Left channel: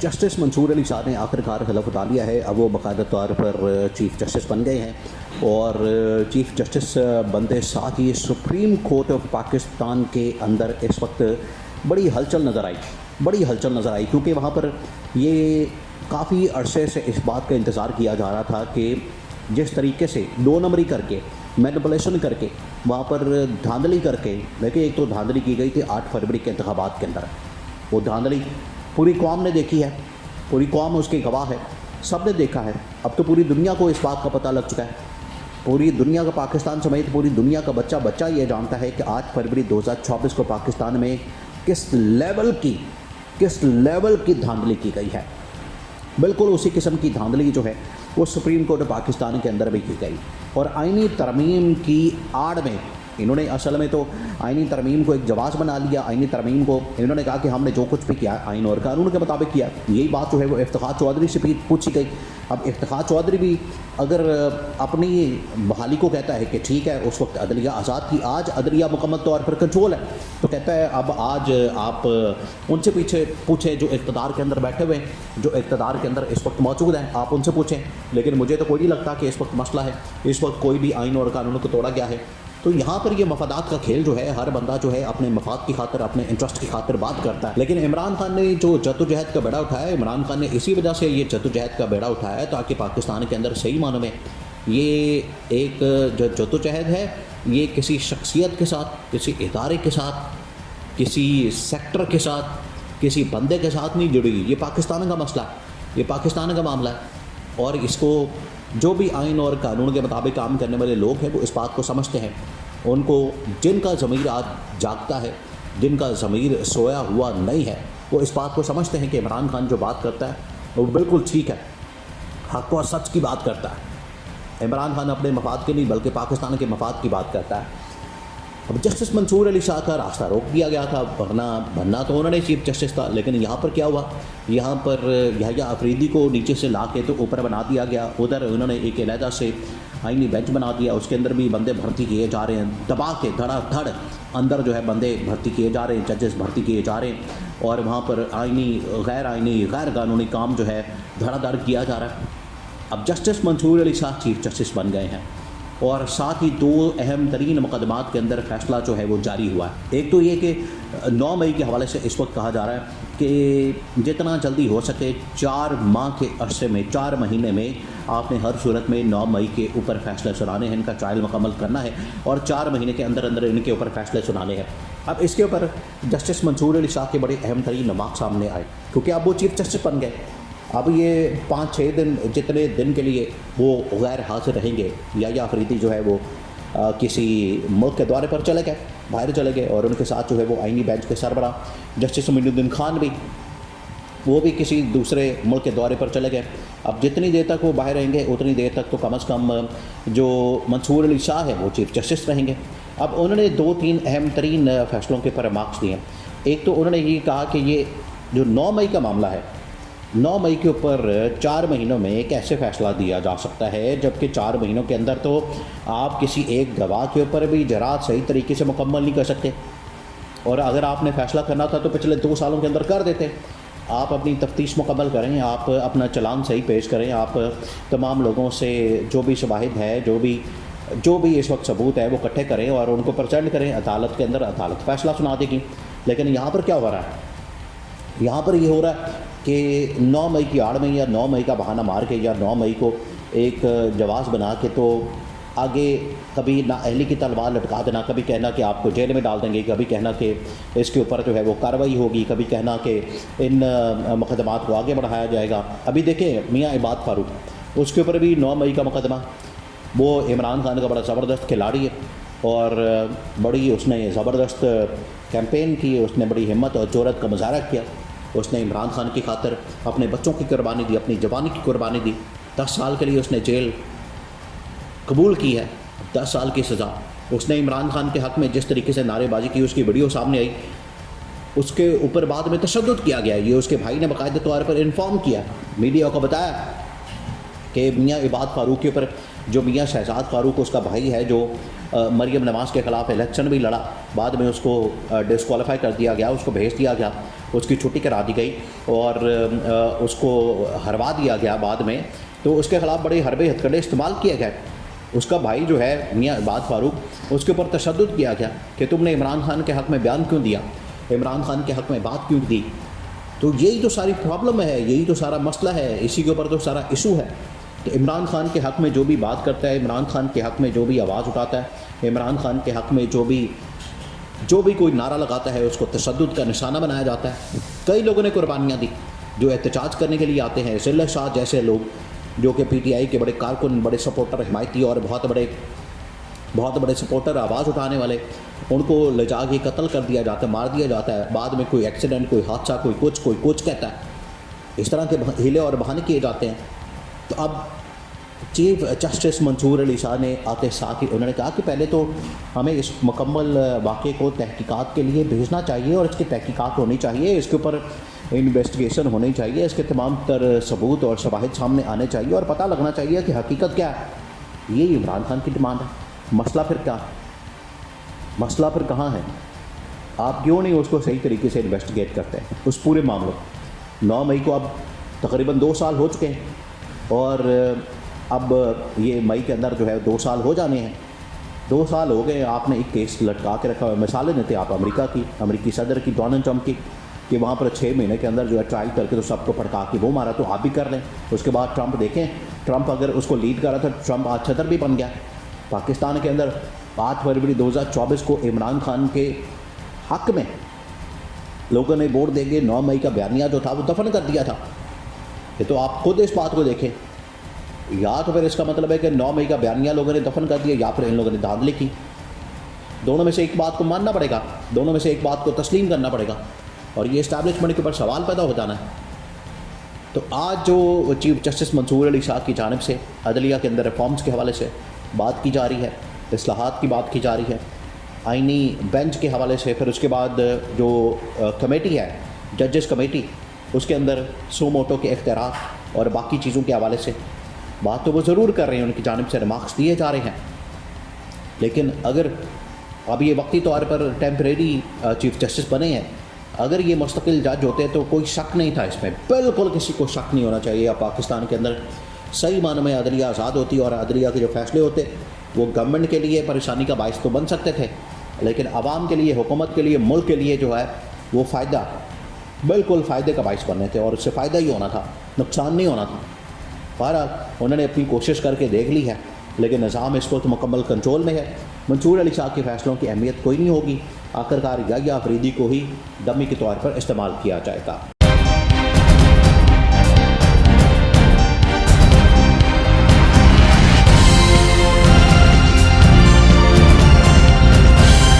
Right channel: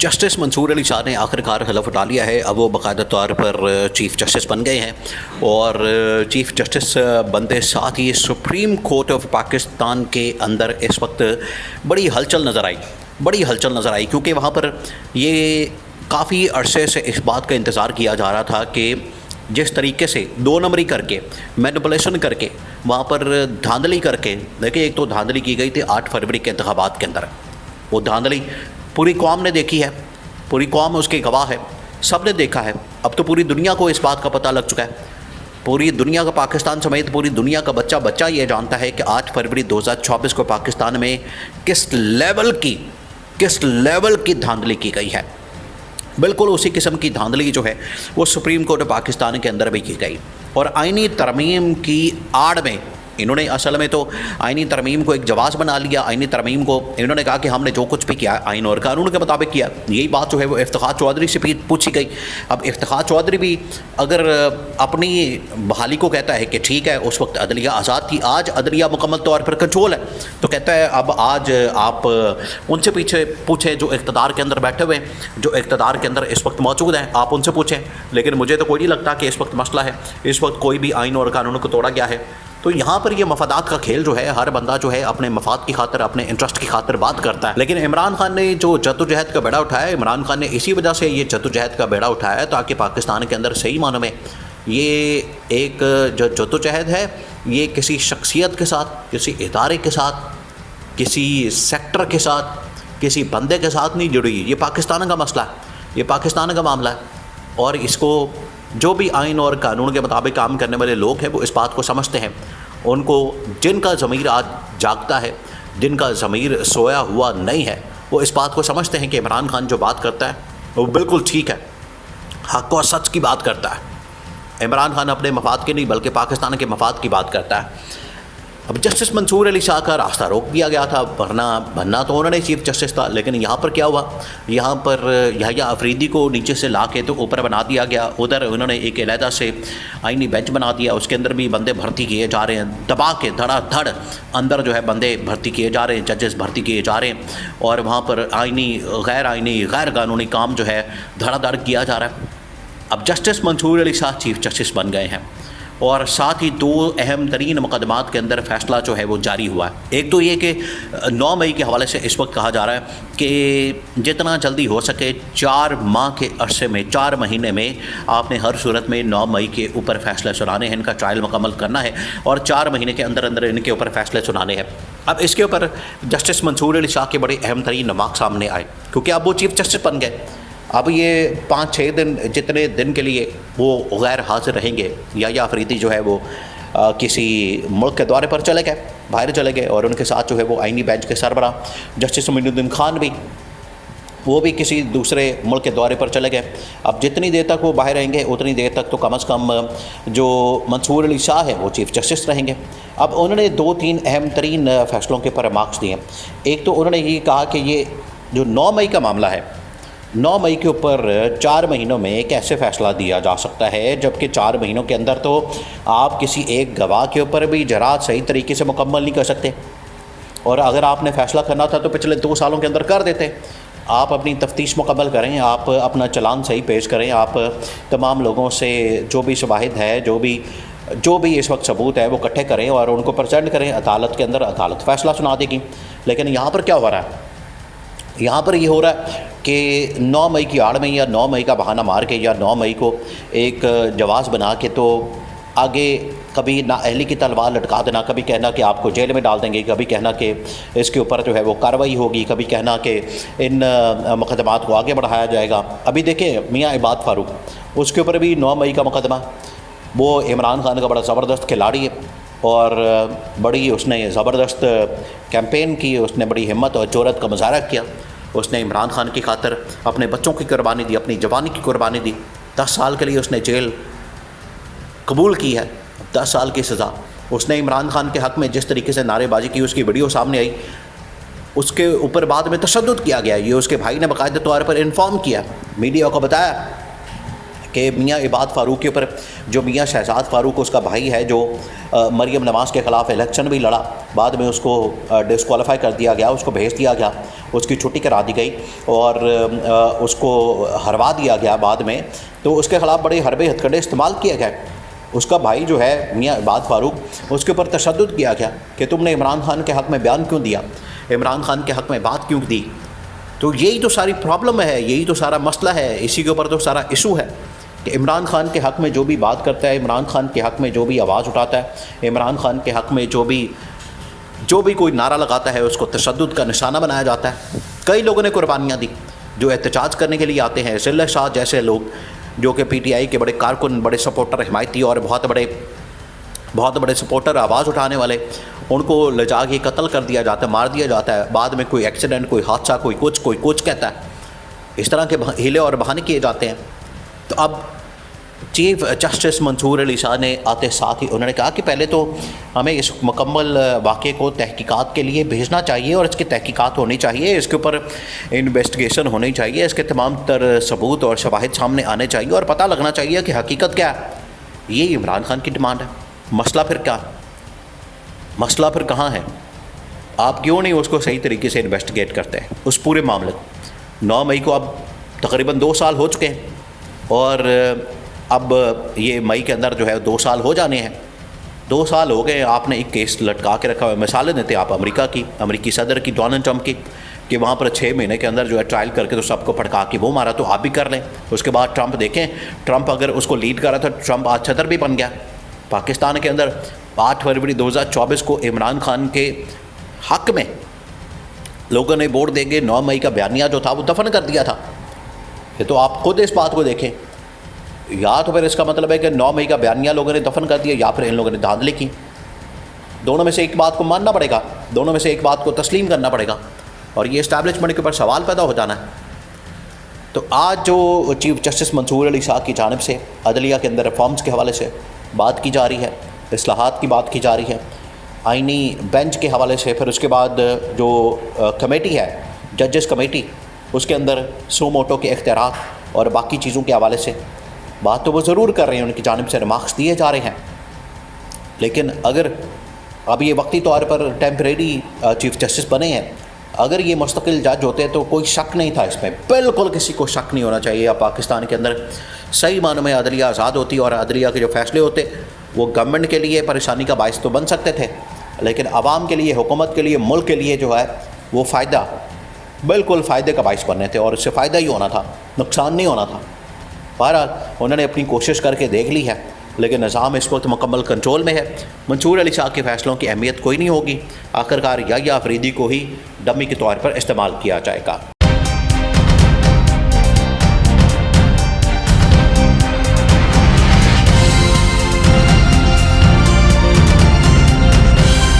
Justice Mansoor Ali Shah ने आखिरकार हलफ उठा लिया है। अब वो बाकायदा तौर पर चीफ़ जस्टिस बन गए हैं और चीफ़ जस्टिस बनते साथ ही सुप्रीम कोर्ट ऑफ पाकिस्तान के अंदर इस वक्त बड़ी हलचल नज़र आई क्योंकि वहाँ पर ये काफ़ी अरसे से इस बात का इंतज़ार किया जा रहा था कि जिस तरीके से 2 नंबरी करके मैनिपुलेशन करके वहाँ पर धांधली करके, देखिए एक तो धांधली की गई थी 8 फरवरी के इंतखाबात के अंदर। वो धांधली पूरी कौम ने देखी है, पूरी कौम उसके गवाह है, सब ने देखा है। अब तो पूरी दुनिया को इस बात का पता लग चुका है, पूरी दुनिया का, पाकिस्तान समेत पूरी दुनिया का बच्चा ये जानता है कि 8 फरवरी 2024 को पाकिस्तान में किस लेवल की धांधली की गई है। बिल्कुल उसी किस्म की धांधली जो है वो सुप्रीम कोर्ट पाकिस्तान के अंदर भी की गई और आईनी तरमीम की आड़ में इन्होंने असल में तो आईनी तरमीम को एक जवाब बना लिया। आईनी तरमीम को इन्होंने कहा कि हमने जो कुछ भी किया आइन और कानून के मुताबिक किया। यही बात जो है वो इफ्तिखार चौधरी से भी पूछी गई। अब इफ्तिखार चौधरी भी अगर अपनी बहाली को कहता है कि ठीक है उस वक्त अदलिया आज़ाद थी, आज अदलिया मुकम्मल तौर पर कंट्रोल है, तो कहता है अब आज आप उनसे पीछे पूछें जो इक़्तिदार के अंदर बैठे हुए हैं, जो इक़्तिदार के अंदर इस वक्त मौजूद हैं, आप उनसे पूछें। लेकिन मुझे तो कोई नहीं लगता कि इस वक्त मसला है, इस वक्त कोई भी आइन और कानून को तोड़ा गया है। तो यहाँ पर ये मफादात का खेल जो है, हर बंदा जो है अपने मफाद की खातिर, अपने इंटरेस्ट की खातिर बात करता है। लेकिन इमरान खान ने जो जद्दोजहद का बेड़ा उठाया, इमरान खान ने इसी वजह से ये जद्दोजहद का बेड़ा उठाया है ताकि पाकिस्तान के अंदर सही मानों में ये एक जो जद्दोजहद है ये किसी शख्सियत के साथ, किसी इदारे के साथ, किसी सेक्टर के साथ, किसी बंदे के साथ नहीं जुड़ी। ये पाकिस्तान का मसला है, ये पाकिस्तान का मामला है और इसको जो भी आइन और कानून के मुताबिक काम करने वाले लोग हैं वो इस बात को समझते हैं। उनको जिनका ज़मीर आज जागता है, जिनका ज़मीर सोया हुआ नहीं है, वो इस बात को समझते हैं कि इमरान खान जो बात करता है वो बिल्कुल ठीक है, हक़ और सच की बात करता है। इमरान खान अपने मफाद की नहीं बल्कि पाकिस्तान के मफाद की बात करता है। अब जस्टिस मंसूर अली शाह का रास्ता रोक दिया गया था, वरना बनना तो उन्होंने चीफ जस्टिस था। लेकिन यहाँ पर क्या हुआ, यहाँ पर यहया अफरीदी को नीचे से ला के तो ऊपर बना दिया गया। उधर उन्होंने एक अलहदा से आईनी बेंच बना दिया, उसके अंदर भी बंदे भर्ती किए जा रहे हैं, दबा के धड़ाधड़ अंदर जो है बंदे भर्ती किए जा रहे हैं, जजेस भर्ती किए जा रहे हैं और वहाँ पर आईनी गैर कानूनी काम जो है धड़ाधड़ किया जा रहा है। अब justice Mansoor Ali Shah chief justice बन गए हैं और साथ ही 2 अहम तरीन मुकदमात के अंदर फ़ैसला जो है वो जारी हुआ है। एक तो ये कि 9 मई के हवाले से इस वक्त कहा जा रहा है कि जितना जल्दी हो सके 4 माह के अरसे में, 4 महीने में आपने हर सूरत में 9 मई के ऊपर फ़ैसले सुनाने हैं, इनका ट्रायल मुकम्मल करना है और 4 महीने के अंदर अंदर इनके ऊपर फ़ैसले सुनाने हैं। अब इसके ऊपर जस्टिस मंसूर अली शाह के बड़े अहम तरीन नमाक सामने आए क्योंकि अब वो चीफ जस्टिस बन गए। अब ये 5-6 दिन जितने दिन के लिए वो गैर हाजिर रहेंगे, या अफरीदी जो है वो किसी मुल्क के दौरे पर चले गए, बाहर चले गए और उनके साथ जो है वो आईनी बेंच के सरबराह जस्टिस मोइनुद्दीन खान भी, वो भी किसी दूसरे मुल्क के दौरे पर चले गए। अब जितनी देर तक वो बाहर रहेंगे उतनी देर तक तो कम अज़ कम जो मंसूर अली शाह है वो चीफ जस्टिस रहेंगे। अब उन्होंने 2-3 अहम तरीन फ़ैसलों के पर मार्क्स दिए। एक तो उन्होंने ये कहा कि ये जो 9 मई का मामला है, 9 मई के ऊपर 4 महीनों में कैसे फ़ैसला दिया जा सकता है, जबकि 4 महीनों के अंदर तो आप किसी एक गवाह के ऊपर भी जरात सही तरीके से मुकम्मल नहीं कर सकते और अगर आपने फ़ैसला करना था तो पिछले 2 सालों के अंदर कर देते। आप अपनी तफ्तीश मुकम्मल करें, आप अपना चालान सही पेश करें, आप तमाम लोगों से जो भी शवाहिद है, जो भी इस वक्त सबूत है वो इकट्ठे करें और उनको प्रेजेंट करें अदालत के अंदर, अदालत फ़ैसला सुना देगी। लेकिन यहाँ पर क्या हो रहा है, यहाँ पर ये हो रहा है कि 9 मई की आड़ में या 9 मई का बहाना मार के या 9 मई को एक जवाज़ बना के तो आगे कभी ना अहली की तलवार लटका देना, कभी कहना कि आपको जेल में डाल देंगे, कभी कहना कि इसके ऊपर जो है वो कार्रवाई होगी, कभी कहना कि इन मुकदमात को आगे बढ़ाया जाएगा। अभी देखें मियाँ इबाद फ़ारूक, उसके ऊपर भी 9 मई का मुकदमा, वो इमरान खान का बड़ा ज़बरदस्त खिलाड़ी है और बड़ी उसने ज़बरदस्त कैंपेन की, उसने बड़ी हिम्मत और जुर्रत का मुजाहरा किया। उसने इमरान खान की खातिर अपने बच्चों की कुर्बानी दी, अपनी जवानी की कुर्बानी दी। 10 साल के लिए उसने जेल कबूल की है, 10 साल की सज़ा। उसने इमरान खान के हक़ में जिस तरीके से नारेबाजी की, उसकी वीडियो सामने आई, उसके ऊपर बाद में तशद्दुद किया गया। ये उसके भाई ने बाकायदा तौर पर इन्फॉर्म किया, मीडिया को बताया کہ میاں عباد فاروق کے اوپر جو میاں شہزاد فاروق اس کا بھائی ہے جو مریم نواز کے خلاف الیکشن بھی لڑا, بعد میں اس کو ڈسکوالیفائی کر دیا گیا, اس کو بھیج دیا گیا, اس کی چھٹی کرا دی گئی اور اس کو ہروا دیا گیا بعد میں, تو اس کے خلاف بڑے حربے ہتھکڑے استعمال کیے گئے. اس کا بھائی جو ہے میاں عباد فاروق, اس کے اوپر تشدد کیا گیا کہ تم نے عمران خان کے حق میں بیان کیوں دیا, عمران خان کے حق میں بات کیوں دی. تو یہی تو ساری پرابلم ہے, یہی تو سارا مسئلہ ہے, اسی کے اوپر تو سارا ایشو ہے کہ عمران خان کے حق میں جو بھی بات کرتا ہے, عمران خان کے حق میں جو بھی آواز اٹھاتا ہے, عمران خان کے حق میں جو بھی کوئی نعرہ لگاتا ہے اس کو تشدد کا نشانہ بنایا جاتا ہے. کئی لوگوں نے قربانیاں دی جو احتجاج کرنے کے لیے آتے ہیں, ضلع شاہ جیسے لوگ جو کہ پی ٹی آئی کے بڑے کارکن, بڑے سپورٹر, حمایتی اور بہت بڑے سپورٹر, آواز اٹھانے والے, ان کو لے جا کے قتل کر دیا جاتا ہے, مار دیا جاتا ہے. بعد میں کوئی ایکسیڈنٹ, کوئی حادثہ, کوئی کچھ کہتا ہے. اس طرح کے ہیلے اور بہانے کیے جاتے ہیں. تو اب چیف جسٹس منصور علی شاہ نے آتے ساتھ ہی انہوں نے کہا کہ پہلے تو ہمیں اس مکمل واقعے کو تحقیقات کے لیے بھیجنا چاہیے اور اس کی تحقیقات ہونی چاہیے, اس کے اوپر انویسٹیگیشن ہونی چاہیے, اس کے تمام تر ثبوت اور شواہد سامنے آنے چاہیے اور پتہ لگنا چاہیے کہ حقیقت کیا ہے. یہ عمران خان کی ڈیمانڈ ہے. مسئلہ پھر کیا, مسئلہ پھر کہاں ہے؟ آپ کیوں نہیں اس کو صحیح طریقے سے انویسٹیگیٹ کرتے ہیں اس پورے معاملے کو؟ 9 مئی کو اب تقریباً 2 سال ہو چکے ہیں اور اب یہ مئی کے اندر جو ہے 2 سال ہو جانے ہیں. 2 سال ہو گئے, آپ نے ایک کیس لٹکا کے رکھا ہوا ہے. مثالیں دیتے آپ امریکی صدر کی, ڈونلڈ ٹرمپ کی, کہ وہاں پر 6 مہینے کے اندر جو ہے ٹرائل کر کے تو سب کو پھڑکا کے وہ مارا, تو آپ بھی کر لیں. اس کے بعد ٹرمپ دیکھیں, ٹرمپ اگر اس کو لیڈ کر رہا تھا, ٹرمپ آج صدر بھی بن گیا پاکستان کے اندر. 8 فروری 2024 کو عمران خان کے حق میں لوگوں نے ووٹ دیں گے, 9 مئی کا بیانیہ جو تھا وہ دفن کر دیا تھا. یہ تو آپ خود اس بات کو دیکھیں. یا تو پھر اس کا مطلب ہے کہ 9 مئی کا بیانیہ لوگوں نے دفن کر دیا, یا پھر ان لوگوں نے دھاندلی کی. دونوں میں سے ایک بات کو ماننا پڑے گا, دونوں میں سے ایک بات کو تسلیم کرنا پڑے گا, اور یہ اسٹیبلشمنٹ کے اوپر سوال پیدا ہو جانا ہے. تو آج جو چیف جسٹس منصور علی شاہ کی جانب سے عدلیہ کے اندر ریفارمز کے حوالے سے بات کی جا رہی ہے, اصلاحات کی بات کی جا رہی ہے, آئینی بینچ کے حوالے سے, پھر اس کے بعد جو کمیٹی ہے ججز کمیٹی, اس کے اندر سو موٹو کے اختیارات اور باقی چیزوں کے حوالے سے بات تو وہ ضرور کر رہے ہیں, ان کی جانب سے ریمارکس دیے جا رہے ہیں. لیکن اگر اب یہ وقتی طور پر ٹیمپریری چیف جسٹس بنے ہیں, اگر یہ مستقل جج ہوتے تو کوئی شک نہیں تھا اس میں, بالکل کسی کو شک نہیں ہونا چاہیے. اب پاکستان کے اندر صحیح معنوں میں عدلیہ آزاد ہوتی اور عدلیہ کے جو فیصلے ہوتے وہ گورنمنٹ کے لیے پریشانی کا باعث تو بن سکتے تھے, لیکن عوام کے لیے, حکومت کے لیے, ملک کے لیے جو ہے وہ فائدہ, بالکل فائدے کا باعث بننے تھے, اور اس سے فائدہ ہی ہونا تھا, نقصان نہیں ہونا تھا. بہرحال انہوں نے اپنی کوشش کر کے دیکھ لی ہے, لیکن نظام اس وقت مکمل کنٹرول میں ہے. منصور علی شاہ کے فیصلوں کی اہمیت کوئی نہیں ہوگی, آخرکار یا آفریدی کو ہی ڈمی کے طور پر استعمال کیا جائے گا.